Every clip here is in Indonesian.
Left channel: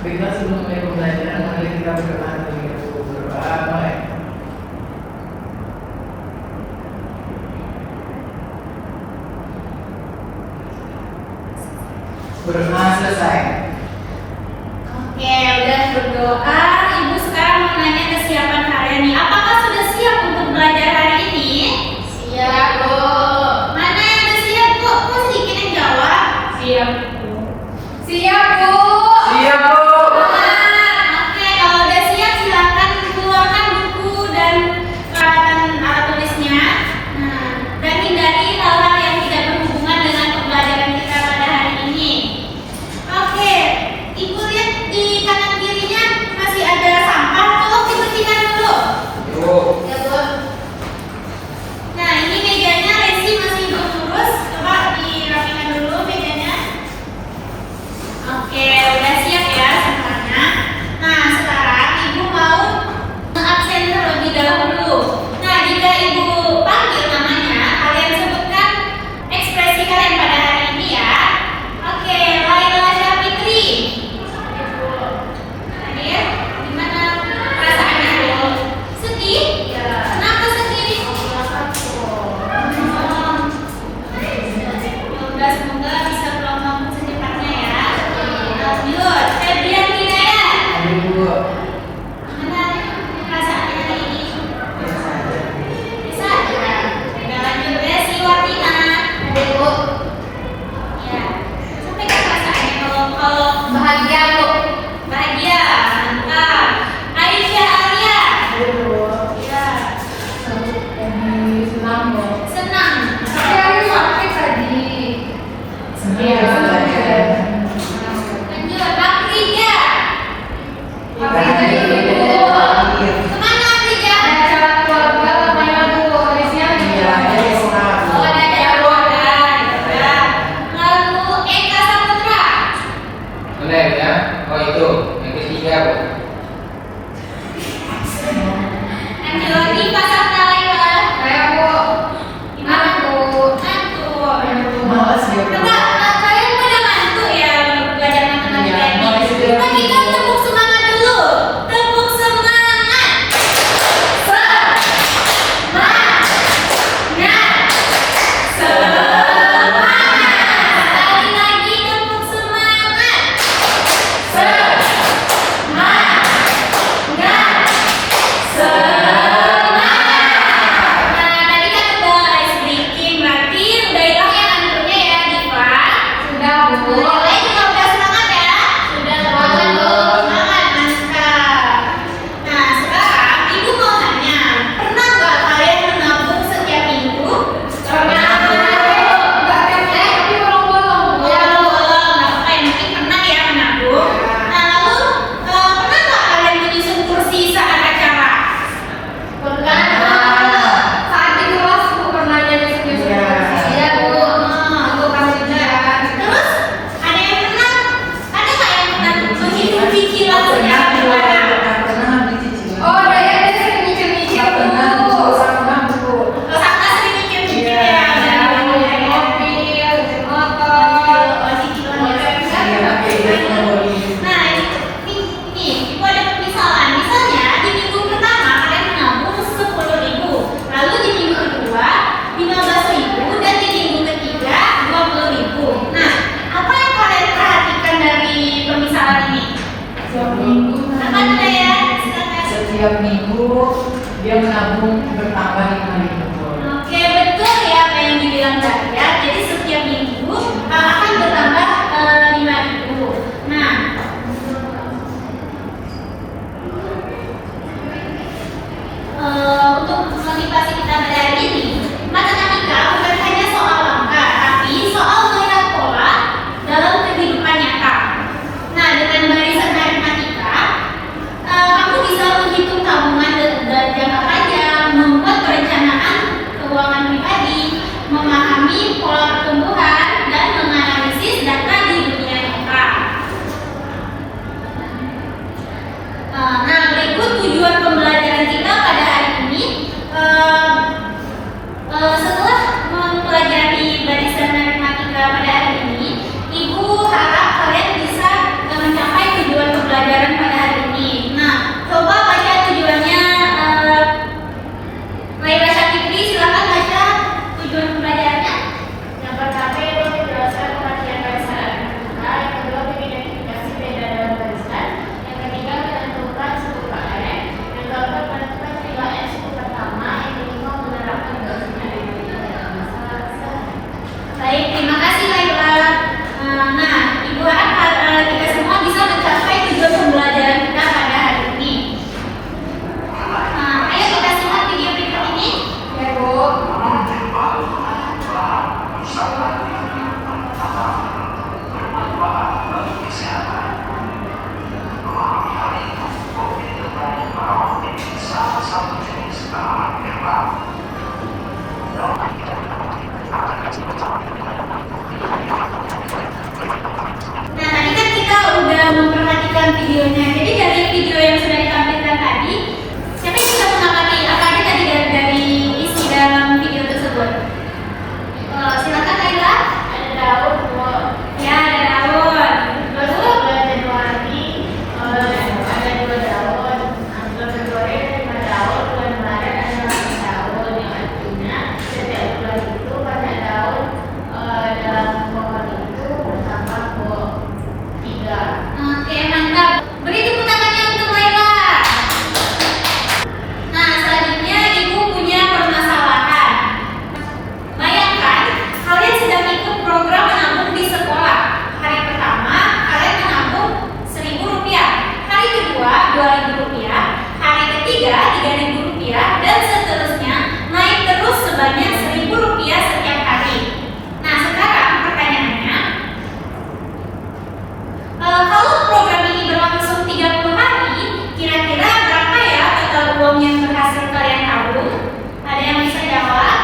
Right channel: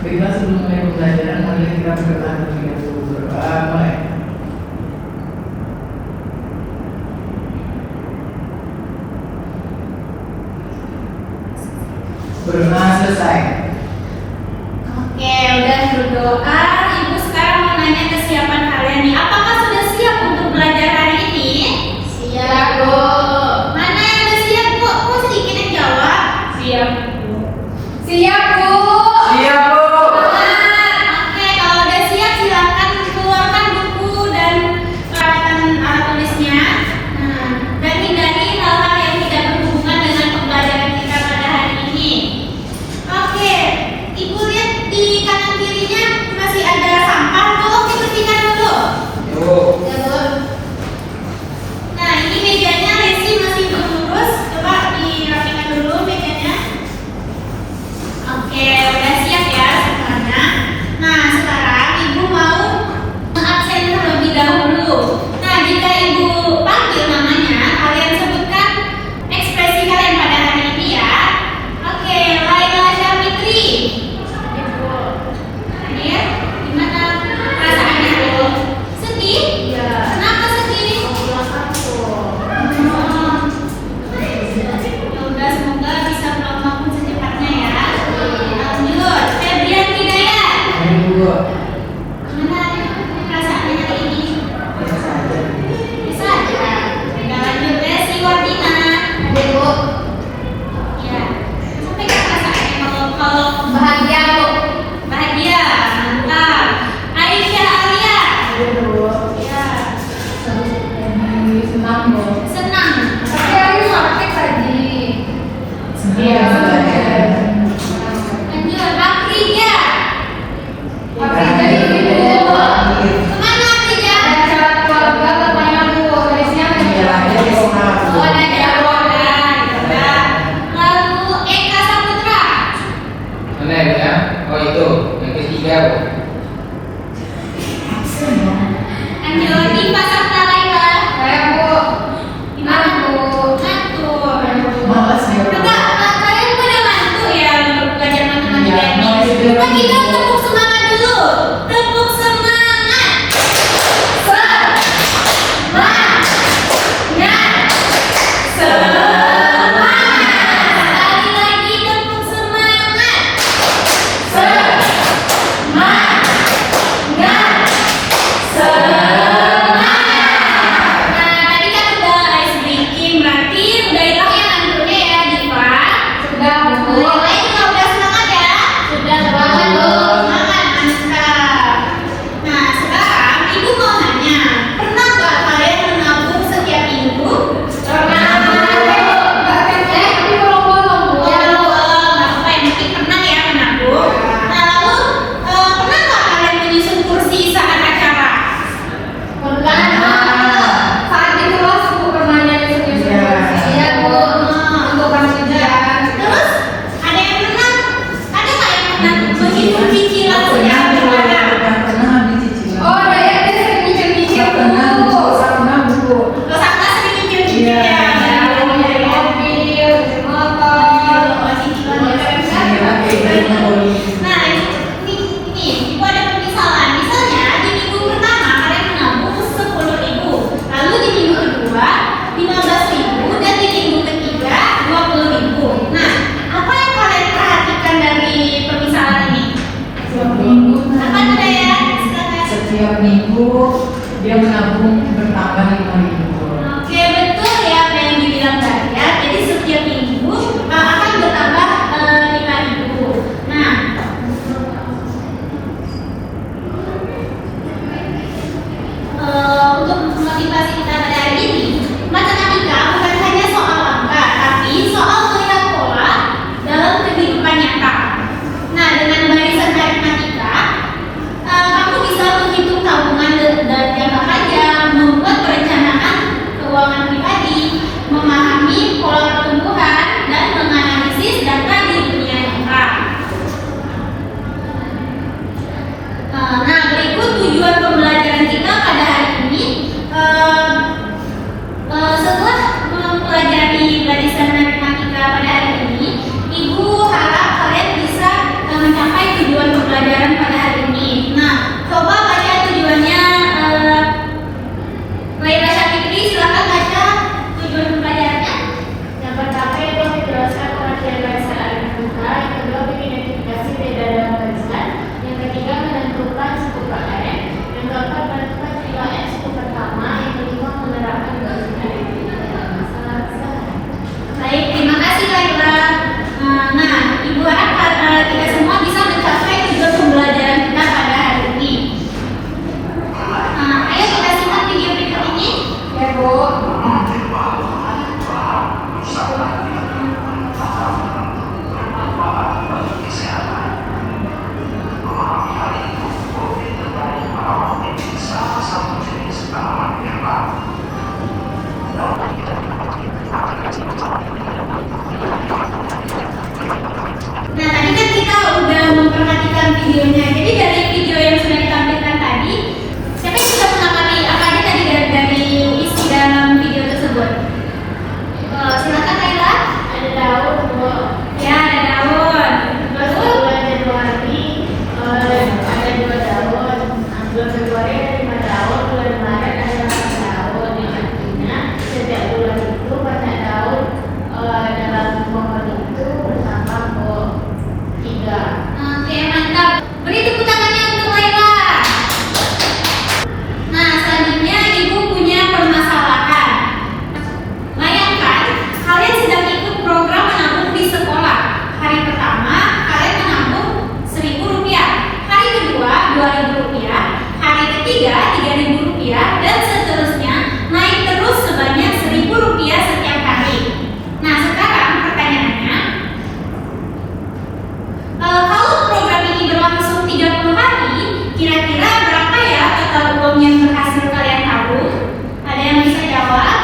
Baiklah, sebelum mulai pembelajaran, mari kita berdoa terlebih dahulu. Berdoa mulai. Berdoa selesai. Oke, udah berdoa. Ibu sekarang mau nanya kesiapan kalian nih. Apakah sudah siap untuk belajar hari ini? Siap, Bu. Mana yang udah siap, Bu? Kok sedikit yang jawab? Siap, Bu. Siap, Bu. Siap, Bu. Oke, kalau udah siap silakan keluarkan buku dan peralatan alat tulisnya. Nah, dan hindari hal-hal yang tidak berhubungan dengan pembelajaran kita pada hari ini. Oke, Ibu lihat di kanan kirinya masih ada sampah. Tolong dibersihkan dulu. Bu. Ya, Bu. Nah, ini mejanya Resi masih belum lurus. Coba dirapikan dulu mejanya. Oke, udah siap ya semuanya. Nah, sekarang Ibu mau absen terlebih dahulu. Nah, jika Ibu panggil namanya, kalian sebutkan ekspresi kalian pada hari ini ya. Oke, Laila Syafitri. Nah, ya, gimana perasaannya dulu? Sedih? Iya. Kenapa sedih? Semoga bisa pulang kampung secepatnya ya. Lanjut, Febrian Hidayat. Bu. Gimana perasaannya hari ini? Bisa aja. Nah, lanjut Resi Wardina. Ada, Bu. Ya. Sampai ke perasaannya kalau Bahagia, Bu. bahagia. Mantap. Aisyah Alia. Bu. Ya. Senang, Bu. Senang. Tapi hari praktek tadi. Senang belajar. Lanjut, Afrija. Tapi tadi, Bu. Kemana Afrija? Ada acara keluarga namanya, Bu. Biasanya Oh, ada keluarga. Ya. Lalu Eka Saputra. Benar ya? Oh itu yang ketiga, Bu. Lanjut, Diva Saptalika. Saya, Bu. Gimana Bu? Mantu. Malas ya, Bu. Enggak, kalian punya mantu ya belajar matematika Iya, ini. begitu. Coba kita tepuk semangat dulu. Tepuk semangat. Sekali lagi tepuk semangat. Nah, tadi kan udah ice breaking, berarti udah hilang yang ngantuknya ya, Diva. Sudah, Bu. Yang lain juga udah semangat ya? Sudah semangat, Bu. Semangat, mantap. Nah, sekarang Ibu mau nanya, pernah nggak kalian menabung setiap minggu? Pernah, Bu. Nggak template, tapi bolong-bolong, Bu. Oh, nggak apa yang penting pernah ya menabung. Nah, lalu pernah nggak kalian menyusun kursi saat acara? Pernah. Saat di kelas, Bu, pernah jadi Iya, Bu. Untuk penelitian. Terus ada yang pernah? Ada nggak yang pernah menghitung cicilan setiap Pernah, Bu. bulannya? Pernah habis cicilan. Oh, dari yang sering nyicil-nyicil, Bu. Pernah, Bu. Terus apa sering cicil-cicilnya? Iya. Mobil, motor. Nah, ini Ibu ada permisalan. Misalnya di minggu pertama kalian menabung 10.000, lalu di minggu kedua 15.000, dan di minggu ketiga 20.000. Nah, apa yang kalian perhatikan dari permisalan ini? Apa tuh ya? Silakan. Setiap minggu dia menabung bertambah 5.000. Oke, betul ya apa yang dibilang Daya. Jadi setiap minggu akan bertambah 5.000. Nah, untuk motivasi kita pada hari ini, matematika bukan hanya soal angka, tapi soal melihat pola dalam kehidupan nyata. Nah, dengan barisan matematika, kamu bisa menghitung tabungan dan jangka panjang, membuat perencanaan videonya. Jadi dari video yang sudah ditampilkan tadi, siapa yang bisa mengamati apa aja tadi dari isi dalam video tersebut? Silakan Kayla. Ada daun, telur, Ya, ada daun. terus ada 2 hari, ada 2 daun, bulan Februari ada 5 daun, bulan Maret ada 6 daun. Yang artinya setiap bulan itu pada daun dalam pohon itu bersama pohon 3. Oke, mantap. Beri tepuk tangannya untuk Layla. Nah, selanjutnya Ibu punya permasalahan. Bayangkan, kalian sedang ikut program menabung di sekolah. Hari pertama, kalian menabung Rp1.000. Hari kedua, Rp2.000. Hari ketiga, Rp3.000. Dan seterusnya, naik terus sebanyak Rp1.000 setiap hari. Nah, sekarang pertanyaannya, kalau program ini berlangsung 30 hari, kira-kira berapa ya total uang yang berhasil kalian tabung? Ada yang bisa jawab?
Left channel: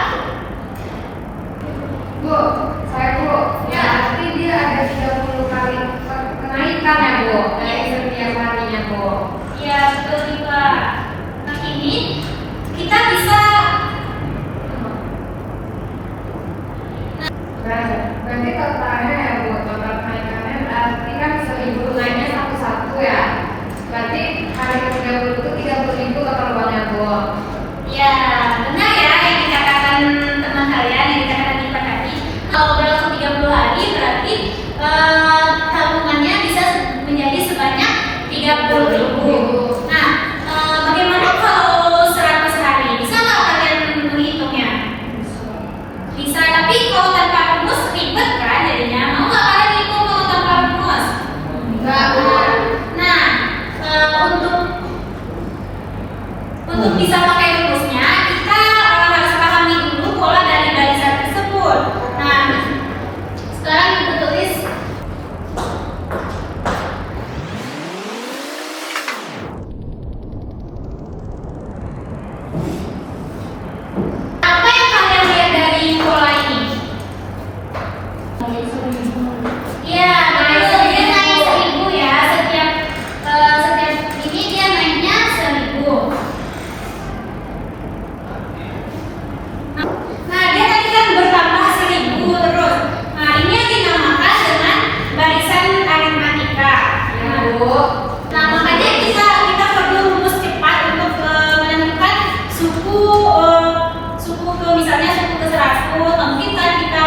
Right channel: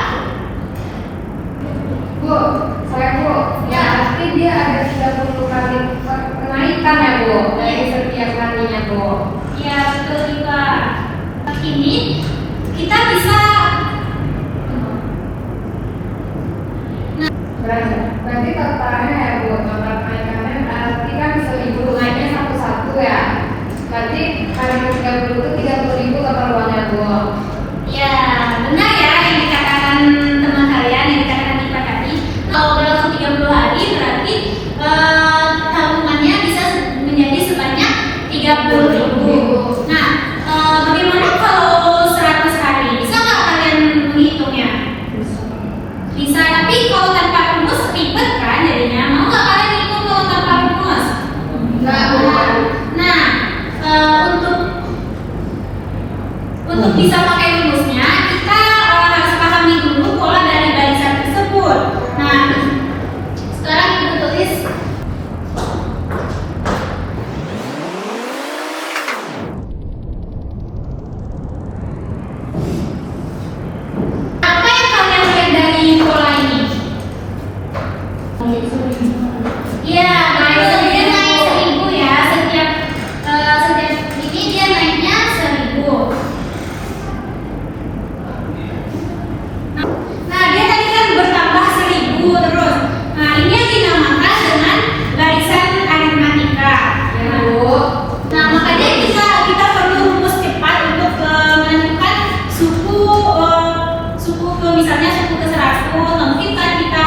Bu, saya Bu, ya pasti dia ada 30 kali kenaikan ya Bu, dari setiap harinya Bu. Ya, betul juga. Ini kita bisa Berarti totalnya ya Bu, total kenaikannya berarti kan 1.000 naiknya satu-satu ya. Berarti hari ke-30 itu 30.000 total uangnya Bu. ya benar ya yang dikatakan teman kalian, yang dikatakan kita tadi. Kalau berlangsung 30 hari berarti tabungannya bisa menjadi sebanyak 30.000. Nah, bagaimana kalau 100 hari? Bisa nggak kalian menghitungnya? Bisa, tapi kalau tanpa rumus ribet kan jadinya. Mau nggak kalian hitung kalau tanpa rumus? Enggak Bu. Nah, untuk bisa pakai rumusnya, kita harus pahami dulu pola dari barisan tersebut. Nah, sekarang kita tulis apa yang kalian lihat dari pola ini? Iya, dia naik 1.000 ya, setiap ini dia naiknya 1.000. Nah, dia tadi kan bertambah 1.000 terus. Nah, ini yang dinamakan dengan barisan aritmatika. Ya Bu. Nah, makanya kita perlu rumus cepat untuk menentukan suku ke misalnya suku ke 100, atau mungkin kan kita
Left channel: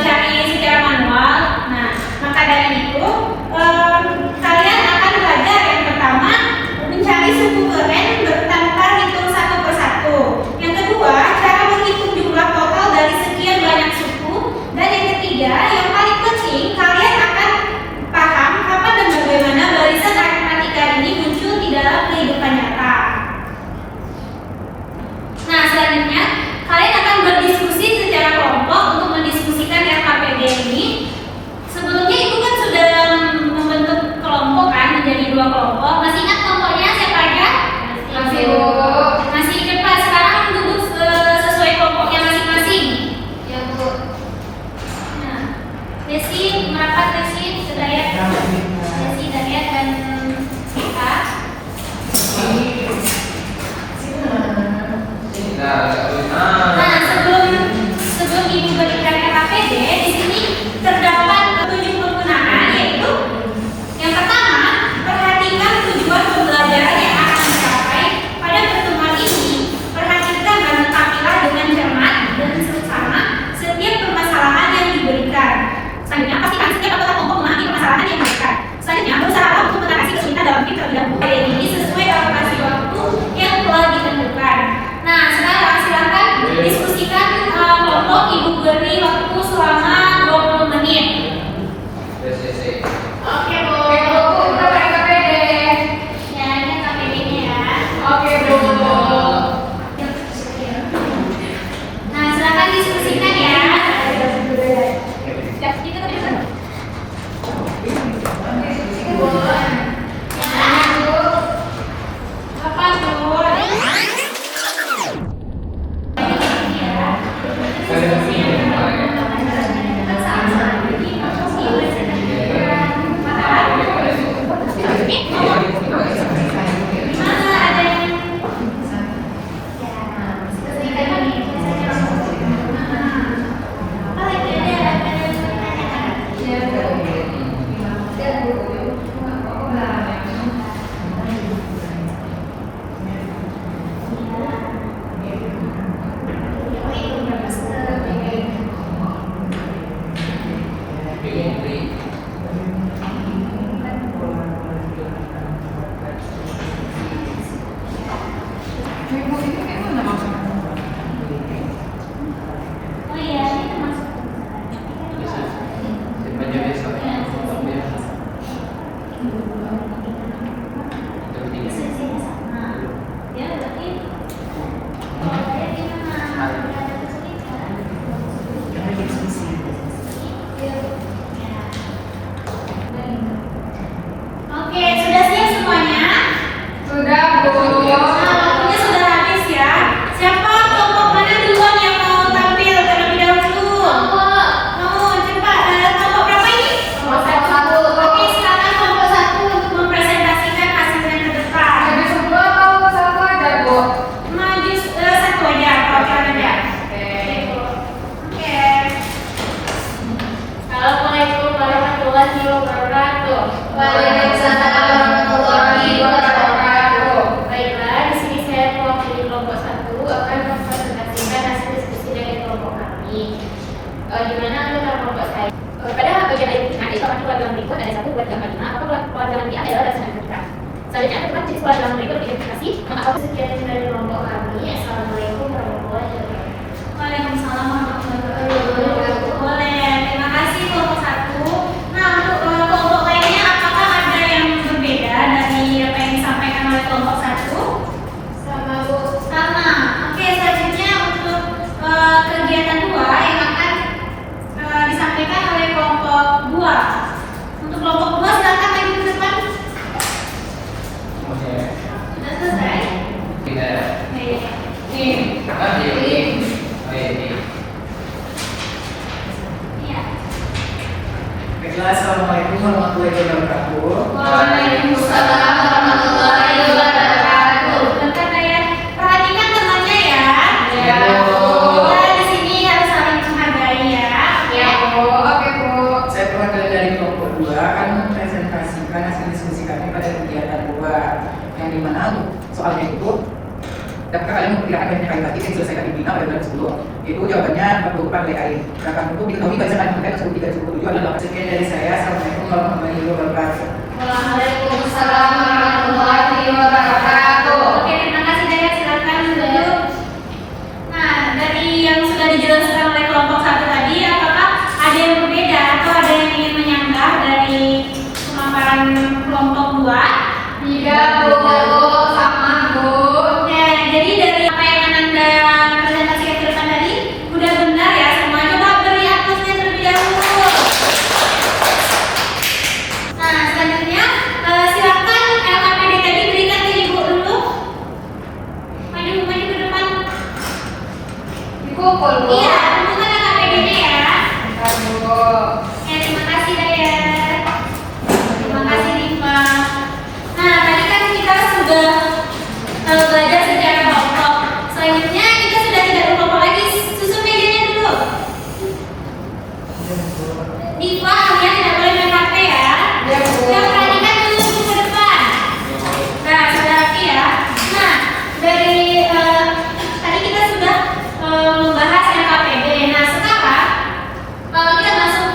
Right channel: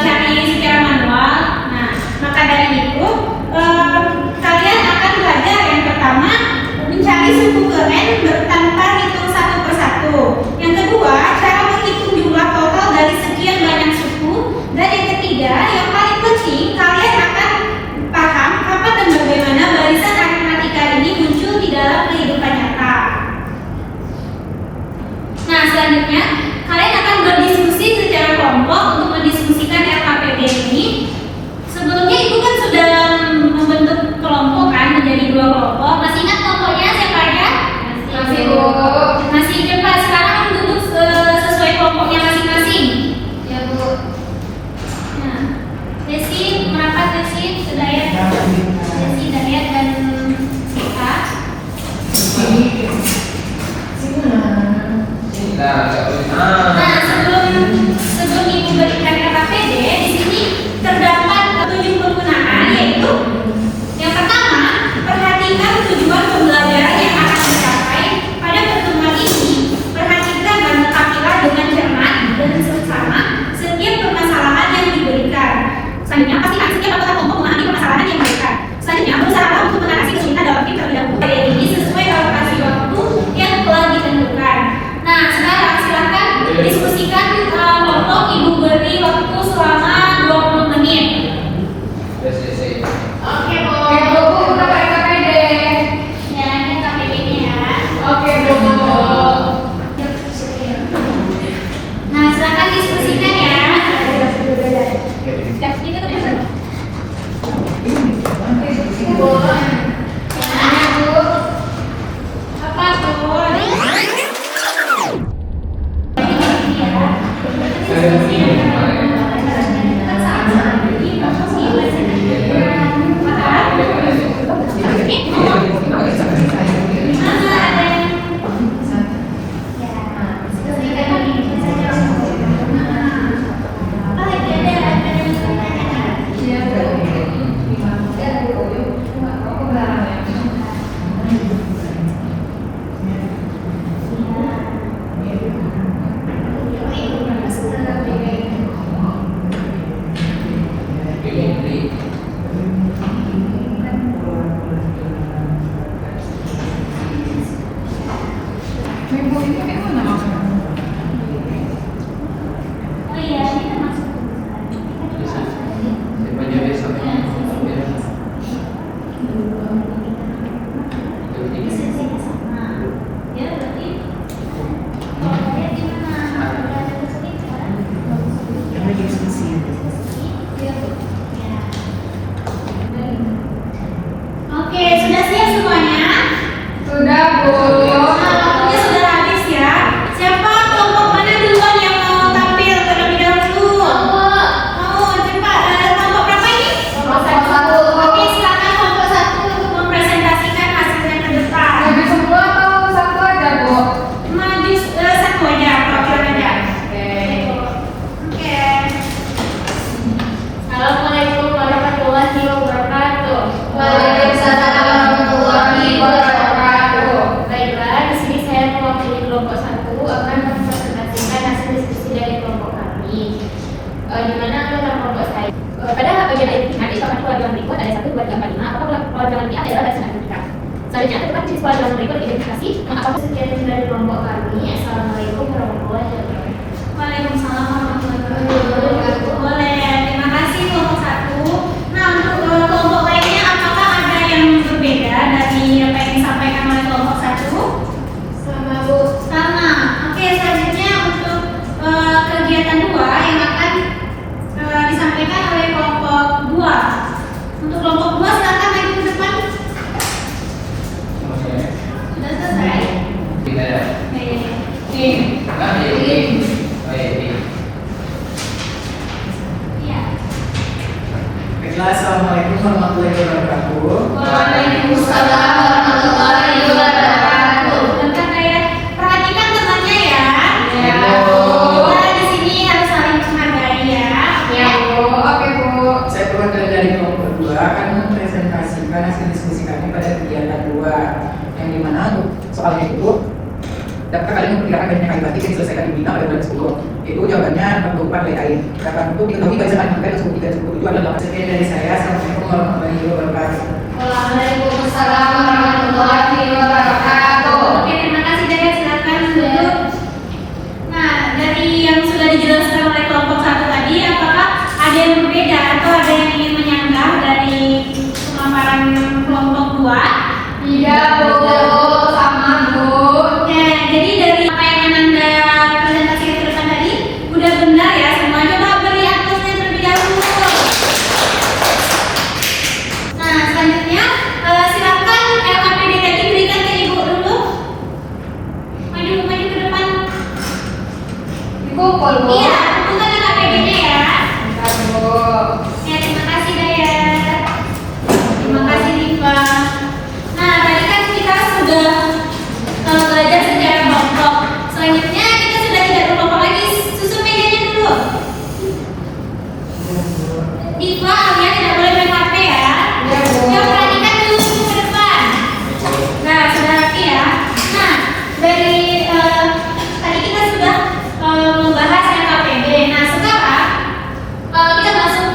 cari secara manual. Nah, maka dari itu kalian akan belajar yang pertama mencari suku keren tanpa hitung satu persatu. Yang kedua, cara menghitung jumlah total dari sekian banyak suku. Dan yang ketiga, yang paling penting kalian akan paham kapan dan bagaimana barisan aritmatika ini muncul di dalam kehidupan nyata. Nah, selanjutnya kalian akan berdiskusi secara kelompok untuk mendiskusikan RKPD ini. Sebelumnya Ibu kan sudah membentuk kelompok kan menjadi 2 kelompok. Masih ingat kelompoknya siapa aja? Masih Bu. Masih ingat Pak? Sekarang duduk sesuai kelompoknya masing-masing. Ya Bu. Nah, Desi merapat, Desi, Sedayat, Desi, Dayat dan Sita. Nah, sebelum Ibu berikan RKPD, di sini terdapat 7 penggunaan, yaitu yang pertama, perhatikan tujuan pembelajaran yang akan dicapai pada pertemuan ini. Perhatikan dan letakilah dengan cermat dan seksama setiap permasalahan yang diberikan. Selanjutnya, pastikan setiap anggota kelompok memahami permasalahan yang diberikan. Waktunya sudah habis ya. Siapa kelompok mana duluan yang mau tampil terlebih dahulu? Mau cepat. Kelompok berapa ini? Oke, silakan kelompok 1 untuk mempresentasikan hasilnya ke depan. Maju semua atau satu aja, Bu? Maju satu aja, perwakilan aja. Oke. Assalamualaikum warahmatullahi wabarakatuh. Waalaikumsalam warahmatullahi wabarakatuh. Baiklah, di sini saya mewakili kelompok 1 akan mempresentasikan hasil diskusi dari kelompok kami. Di mana dalam kelompok saya pada apabila nanti soal keluar dalam berikut ada 1, 2, 3, 4, 5 apakah keluar dalam ini adalah dasar kita. Selanjutnya tempat keluar dalam berikut identifikasi mengapa sekian dari kelompok kami. Assalamualaikum warahmatullahi wabarakatuh. Waalaikumsalam warahmatullahi wabarakatuh. Boleh, terima kasih kelompok 1. Nah, untuk kelompok lainnya apakah ada yang berbeda dari apa yang disampaikan oleh kelompok 1? Sama Bu. Sama. Oke, selanjutnya untuk kegiatan 2 yang akan disampaikan oleh kelompok 2. Untuk kelompok 2 silakan maju ke depan. Oke. Sudah selesai? Tidak. Oke. Ah, ini. Oh, ini. Iya. Baiklah, assalamualaikum warahmatullahi wabarakatuh. Waalaikumsalam warahmatullahi wabarakatuh. Bentar ya. Perhatikan temannya ya. Ya, Bu. Ya, di sini harus saling menghargai ya. Ya, Bu. Oke, Bu. Saya perwakilan dari kelompok 2 akan mempresentasikan hasil diskusi kami pada kegiatan 2 yang dimana untuk soalnya itu dapatkah kalian memperkirakan banyaknya kali lagi yang diselesaikan di bina pada bulan 10? Itu jawabannya 44 oleh air. Berapa untuk diketahui barisan kalian mengenai 10 3 10 7 adalah 8. Sekian dari saya. Assalamualaikum warahmatullahi wabarakatuh. Waalaikumsalam warahmatullahi wabarakatuh. Oke, terima kasih Daya. Silakan duduk. Nah, dari yang sudah dijelaskan oleh kelompok 1 tadi, apakah ada yang berbeda atau ada yang ingin menyanggah dari pemaparan kelompok 2? Iya, Bu. Sama, Bu. Oke, jadi dari apa yang Ananda presentasikan ke depan tadi, udah benar ya semua. Coba beri aplausnya terlebih dahulu. Nah, selanjutnya silakan LKPD tadi berikan ke Ibu dulu. Maju ke depan. Dikumpul, Bu. Iya, bukan LKPD-nya ya. Ya, Bu. Ya, terima kasih Daya. Terima kasih Diva. Nah, tadi kan kita sudah belajar secara kelompok. Selanjutnya kita sudah tidak berkelompok lagi. Susun mejanya dulu. Diva, kalian tidak boleh main HP ya. Ya, Bu. Yang perhatikan dulu ke depan. Nah, sudah rapi ya. Nah, dari tadi kita sudah membahas yang KPD. Nah, sekarang kita masuk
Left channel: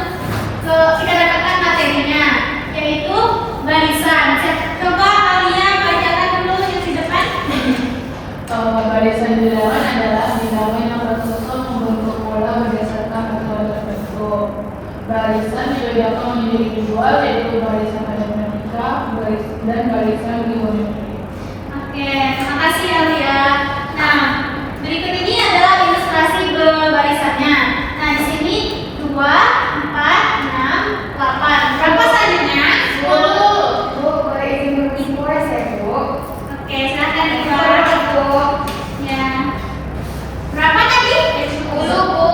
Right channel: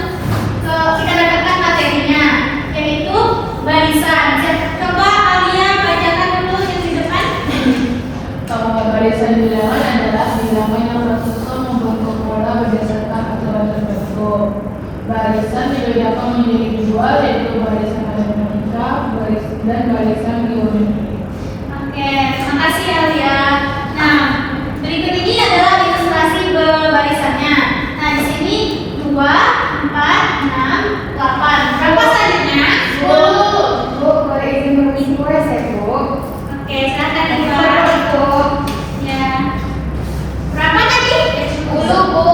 ke kita dapatkan materinya, yaitu barisan. Coba kalian bacakan dulu yang di depan. Barisan bilangan adalah bilangan yang tersusun membentuk pola berdasarkan aturan tertentu. Barisan dibedakan menjadi 2, yaitu barisan aritmatika dan barisan geometri. Oke, terima kasih Alia. Nah, berikut ini adalah ilustrasi barisannya. Nah, di sini 2, 4, 6, 8. Berapa selanjutnya? Bu, boleh izin menginfo saya, Bu. Oke, silakan Bu. ya. Berapa tadi? 10, Bu.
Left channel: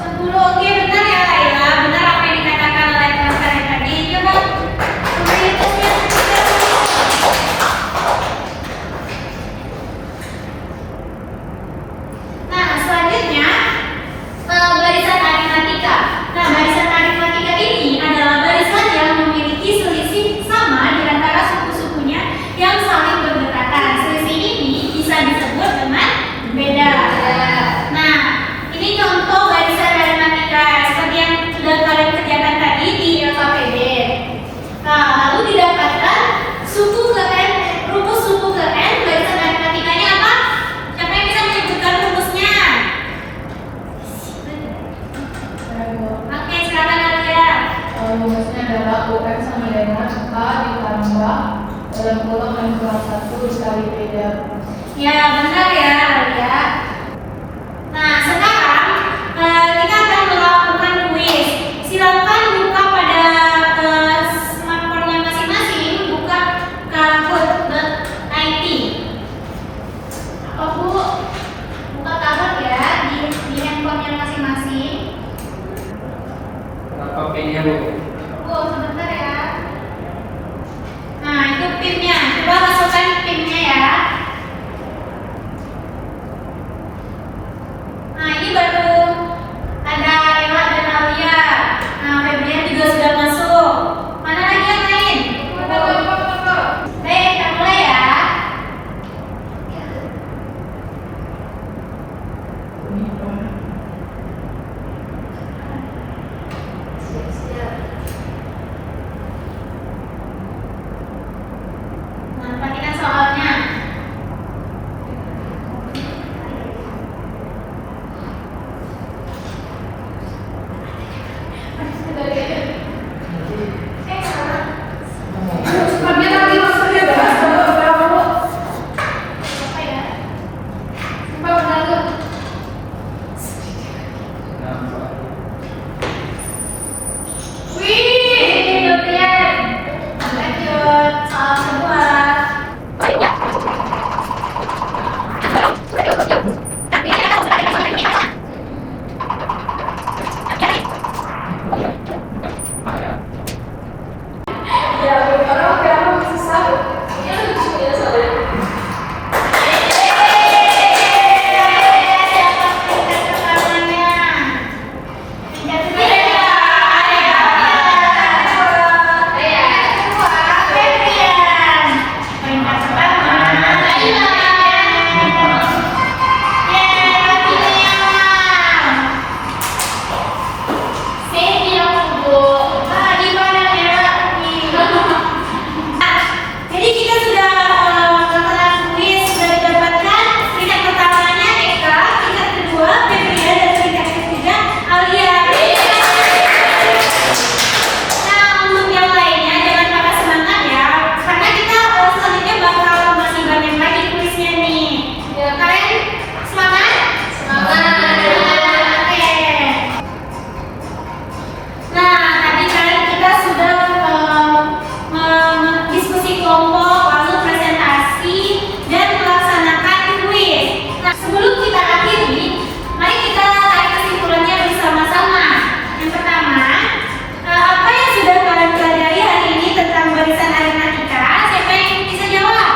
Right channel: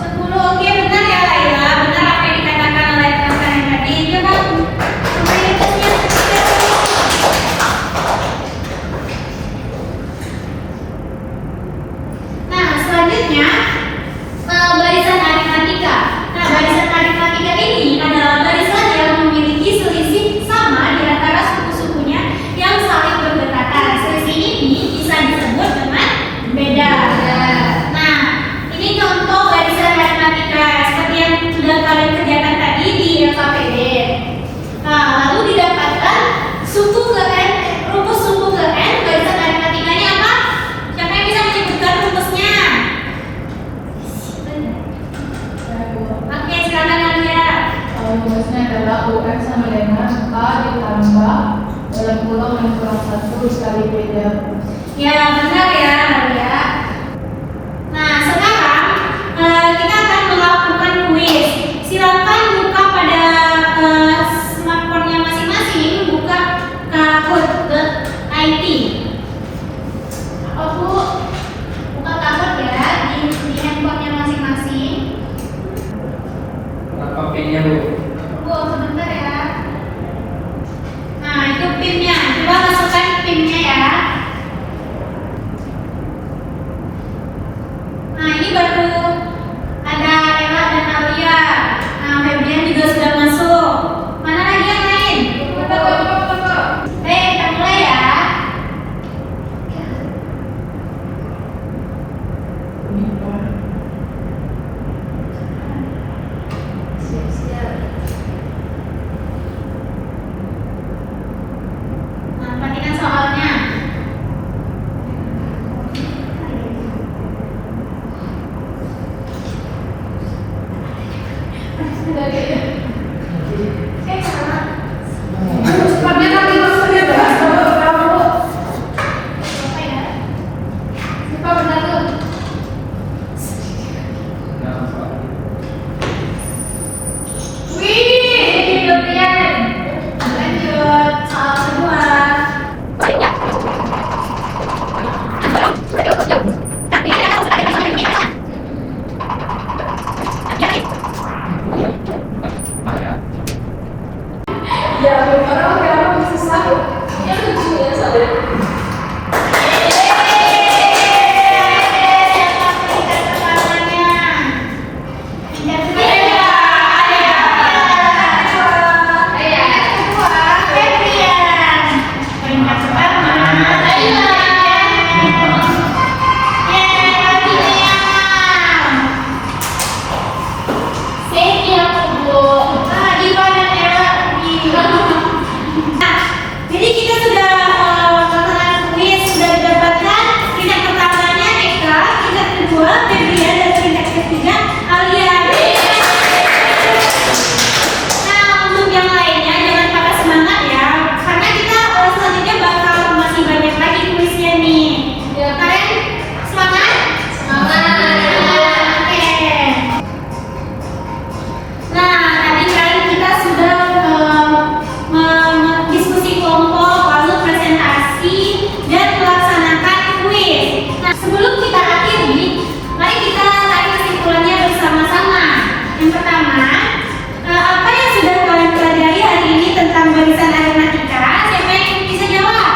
10. Oke, benar ya Laila. Benar apa yang dikatakan oleh teman-teman yang tadi. Coba mayoritasnya. Nah, selanjutnya barisan aritmatika. Nah, barisan aritmatika ini adalah barisan yang memiliki selisih sama di antara suku-sukunya yang saling berdekatan. Selisih ini bisa disebut dengan beda. Nah, ini contoh barisan aritmatika seperti yang sudah kalian kerjakan tadi di KPD. Nah, lalu didapatkan suku ke N, rumus suku ke N, barisan aritmatikanya apa? Siapa yang bisa menyebutkan rumusnya? Oke, silakan Alia. Rumusnya adalah UN sama dengan A ditambah dalam kurung yang kurang 1 dikali beda. Ya, benar ya Alia. Nah, sekarang kita akan melakukan kuis. Silakan buka pada smartphone-nya masing-masing, buka kahoot.it. Nah, itu pinnya. Coba masukkan pinnya ya. Nah, ini baru ada Ella dan Alia. Nah, Febrian juga sudah masuk. Mana lagi yang lain? Baik, kita mulai ya. Nah, perhatikan soalnya. Cepatnya tapi maksudnya bahas dulu. Apa ya? Cepat benar tuh. Wih, Febrian. Lanjut, soal kedua. Ya, orang orang susah. Ini lucu ya soalnya. Jadi kita sudah melakukan kuis, sudah didapatkan peringkat pertamanya Eka, peringkat kedua Febrian, dan peringkat ketiga Alia. Nah, untuk yang lainnya jangan patah semangat ya, karena kita selanjutnya bakal masih banyak lagi kuisnya nih. Ya, Kalian semangat? Semangat. Oke. Nah, tadi kan kita sudah diskusi kelompok, lalu presentasi, dan melaksanakan kuis. Nah, sebelum kita akhiri, mari kita tarik kesimpulannya bersama-sama. Yang pertama, apa yang sudah kalian pelajari hari ini tentang barisan aritmatika? Siapa yang bisa jawab?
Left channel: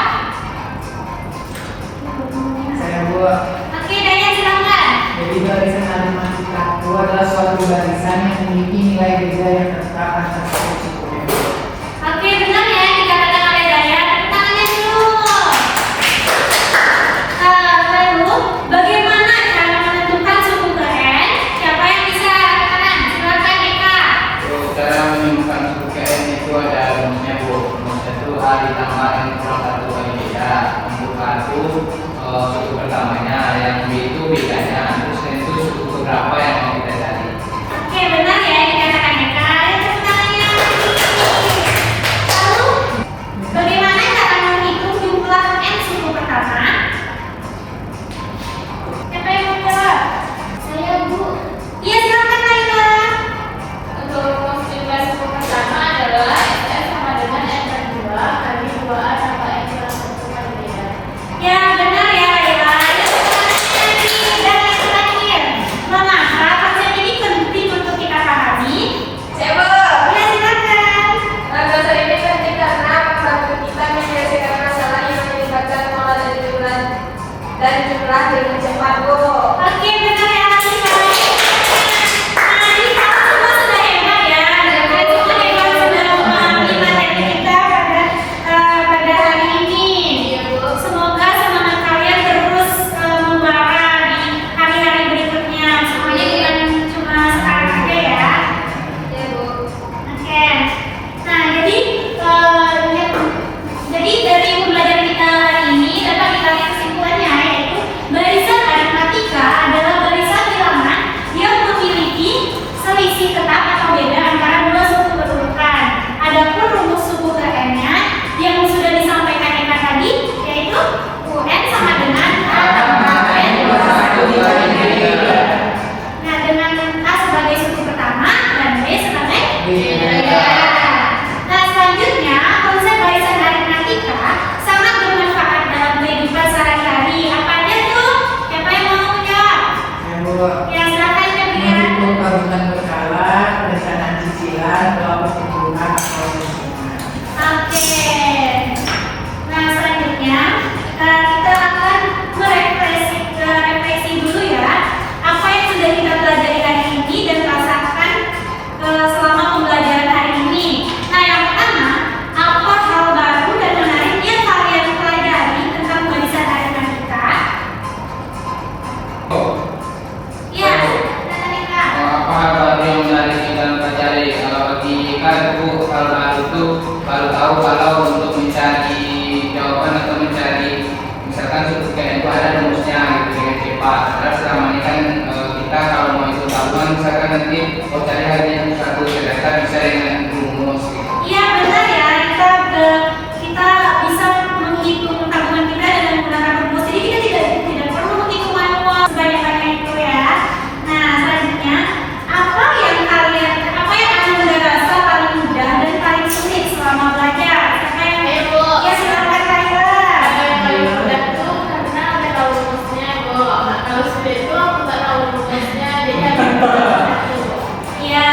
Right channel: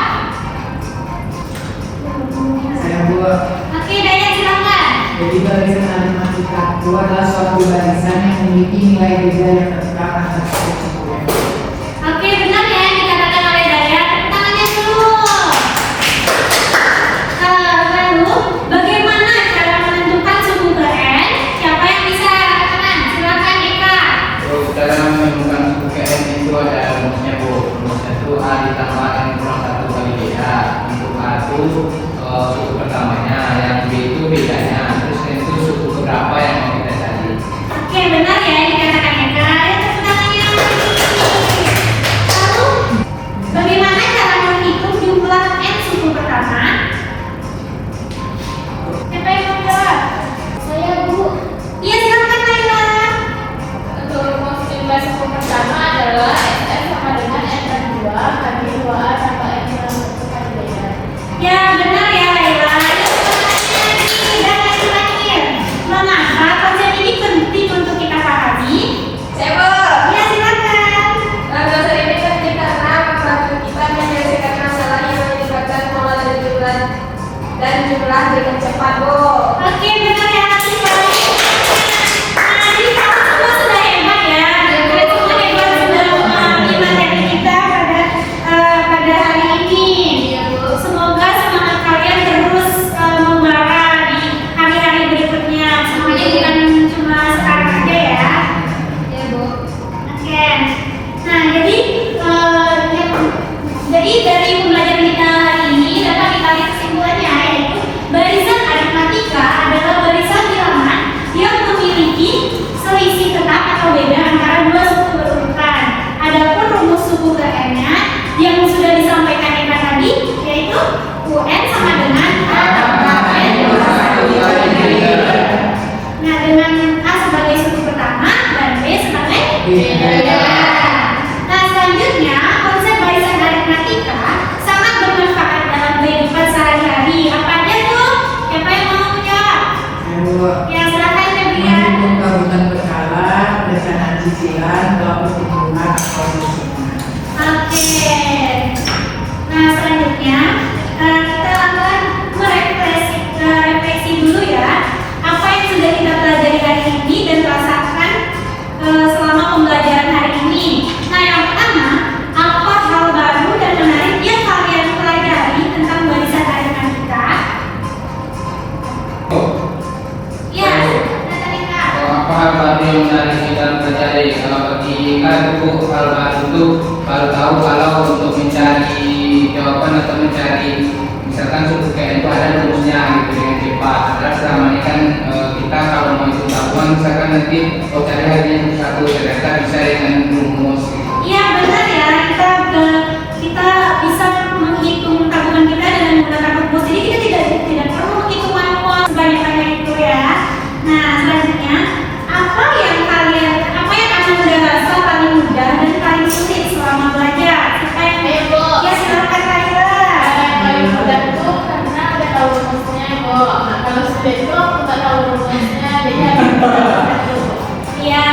Saya buat. Oke, Dayan silakan. Jadi barisan aritmatika itu adalah suatu barisan yang memiliki nilai beda yang tersebar antara satu. Oke, benar ya yang dikatakan oleh Dayan. Tepuk tangannya dulu. Lalu, bagaimana cara menentukan suku keren? Siapa yang bisa katakan? Silakan Eka. Dalam menentukan suku KS itu ada rumusnya Bu. Rumusnya itu A ditambah N kurang 1 kali beda. Untuk A itu suku pertamanya, yang B itu bedanya. Terus N itu suku berapa yang mau kita cari. Oke, benar ya yang dikatakan Eka. Ayo tepuk tangannya. Lalu, bagaimana cara menghitung jumlah N suku pertama? Siapa yang mau jawab? Saya Bu. Iya, silakan Laila. Untuk rumus bebas yang pertama adalah N sama dengan N per 2 kali 2A tambah N per 1 kali beda. Ya, benar ya Laila. Dan yang terakhir, mengapa konsep ini penting untuk kita pahami? Saya Bu. Ya, silakan. Nah, dasar ini penting karena membantu kita menyelesaikan masalah yang melibatkan pola dan jumlah dengan cepat, Bu. Oke, benar ya sekali. Nah, jadi kamu semua sudah hebat ya. Kalian semua hebat sudah memahami materi kita pada hari ini. Semoga semangat kalian terus membara di hari-hari berikutnya. Semuanya bukan cuma sekarang aja ya. Ya, Bu. Oke. Nah, jadi dari pembelajaran kita hari ini dapat kita lihat kesimpulannya, yaitu barisan aritmatika adalah barisan bilangan yang memiliki selisih tetap atau beda antara dua suku berurutan. Adapun rumus suku UN-nya yang sudah disampaikan Eka tadi, yaitu UN sama dengan A tambah N kurang 1 kali beda. Nah, dengan A sebagai suku pertama dan B sebagai beda. Nah, selanjutnya konsep barisan aritmatika sangat bermanfaat dalam kehidupan sehari-hari. Apa aja tuh? Siapa yang mau jawab? Ya, silakan Febrian. Menghitung tahunan berkala, perencanaan cicilan, kelompok hitungan, atau Oke. selanjutnya kita akan merefleksi dulu ya apa yang sudah kita pelajari hari ini dan rasakan selama pembelajaran hari ini. Nah, yang pertama, apa hal baru dan menarik yang kalian pelajari tentang barisan arisan kita? Ya, Natalika. Apa hal baru yang menarik kita pelajari? Kalau bagi kita itu hal baru itu baru tahu kalau untuk mencari jawaban atau mencari misalkan suatu kayak itu ada rumusnya gitu dengan cepat. Karena selama ini kan kita kalau mau itu tahuan misalkan nanti kalau cari harinya satu sedangkan bisa dengan rumus gitu. Iya benar ya, kita bisa menghitung tabungan kita dengan menggunakan rumus. Jadi kita tidak perlu menghitung manual sebanyak-banyak itu ya. Nah, selanjutnya apa yang akan merasa paling mudah dan paling sulit selama belajar? Siapa yang ya silakan Kaila. Paling mudah tuh karena udah tahu rumusnya kok. Kalau sudah itu aku nggak tahu rumusnya, jadi Ya,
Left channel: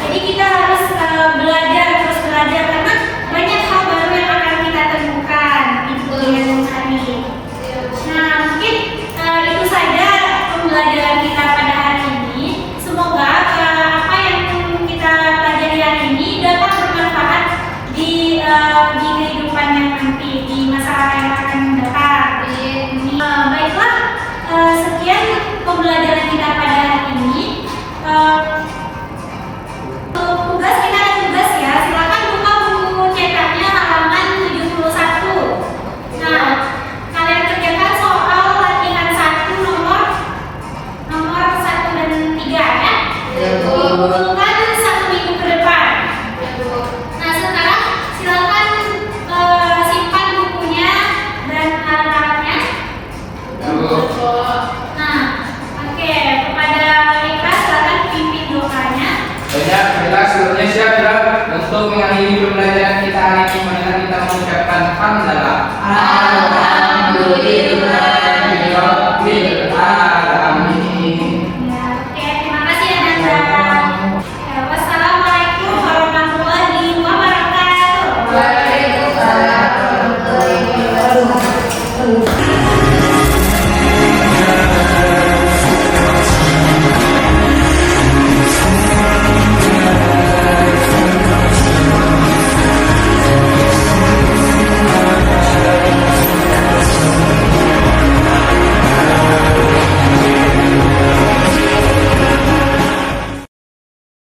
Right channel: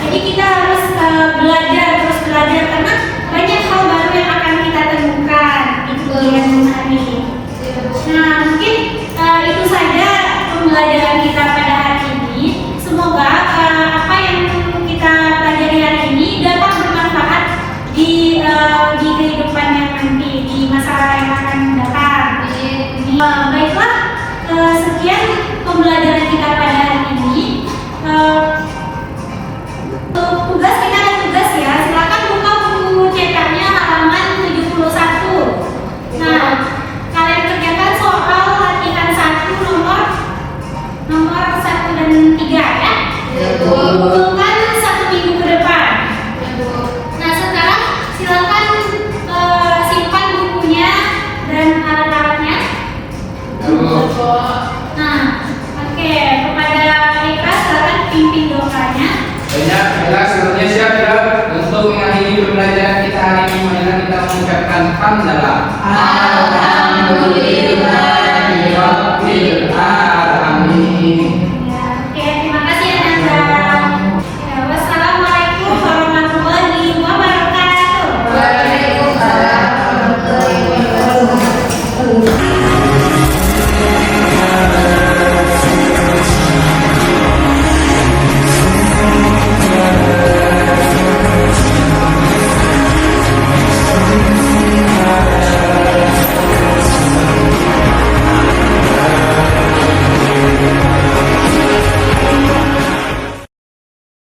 jadi kita harus belajar terus belajar karena banyak hal baru yang akan kita temukan. Itu yang menarik. Nah, mungkin itu saja pembelajaran kita pada hari ini. Semoga apa yang kita pelajari hari ini dapat bermanfaat di kehidupan yang nanti, di masa yang akan datang. Baiklah, sekian pembelajaran kita pada hari ini. Untuk tugas, kita ada tugas ya. Silakan buka buku cetaknya halaman 71. Nah, kalian kerjakan soal latihan 1 nomor 1 dan 3 ya. Dibutuhkan 1 minggu ke depan. Nah, sekarang silakan simpan bukunya dan alat-alatnya. Nah, oke, kepada mereka silakan pimpin doanya. Banyak adalah sebenarnya siap ya untuk mengakhiri pembelajaran kita hari ini, mana kita mengucapkan hamdalah. Alhamdulillah.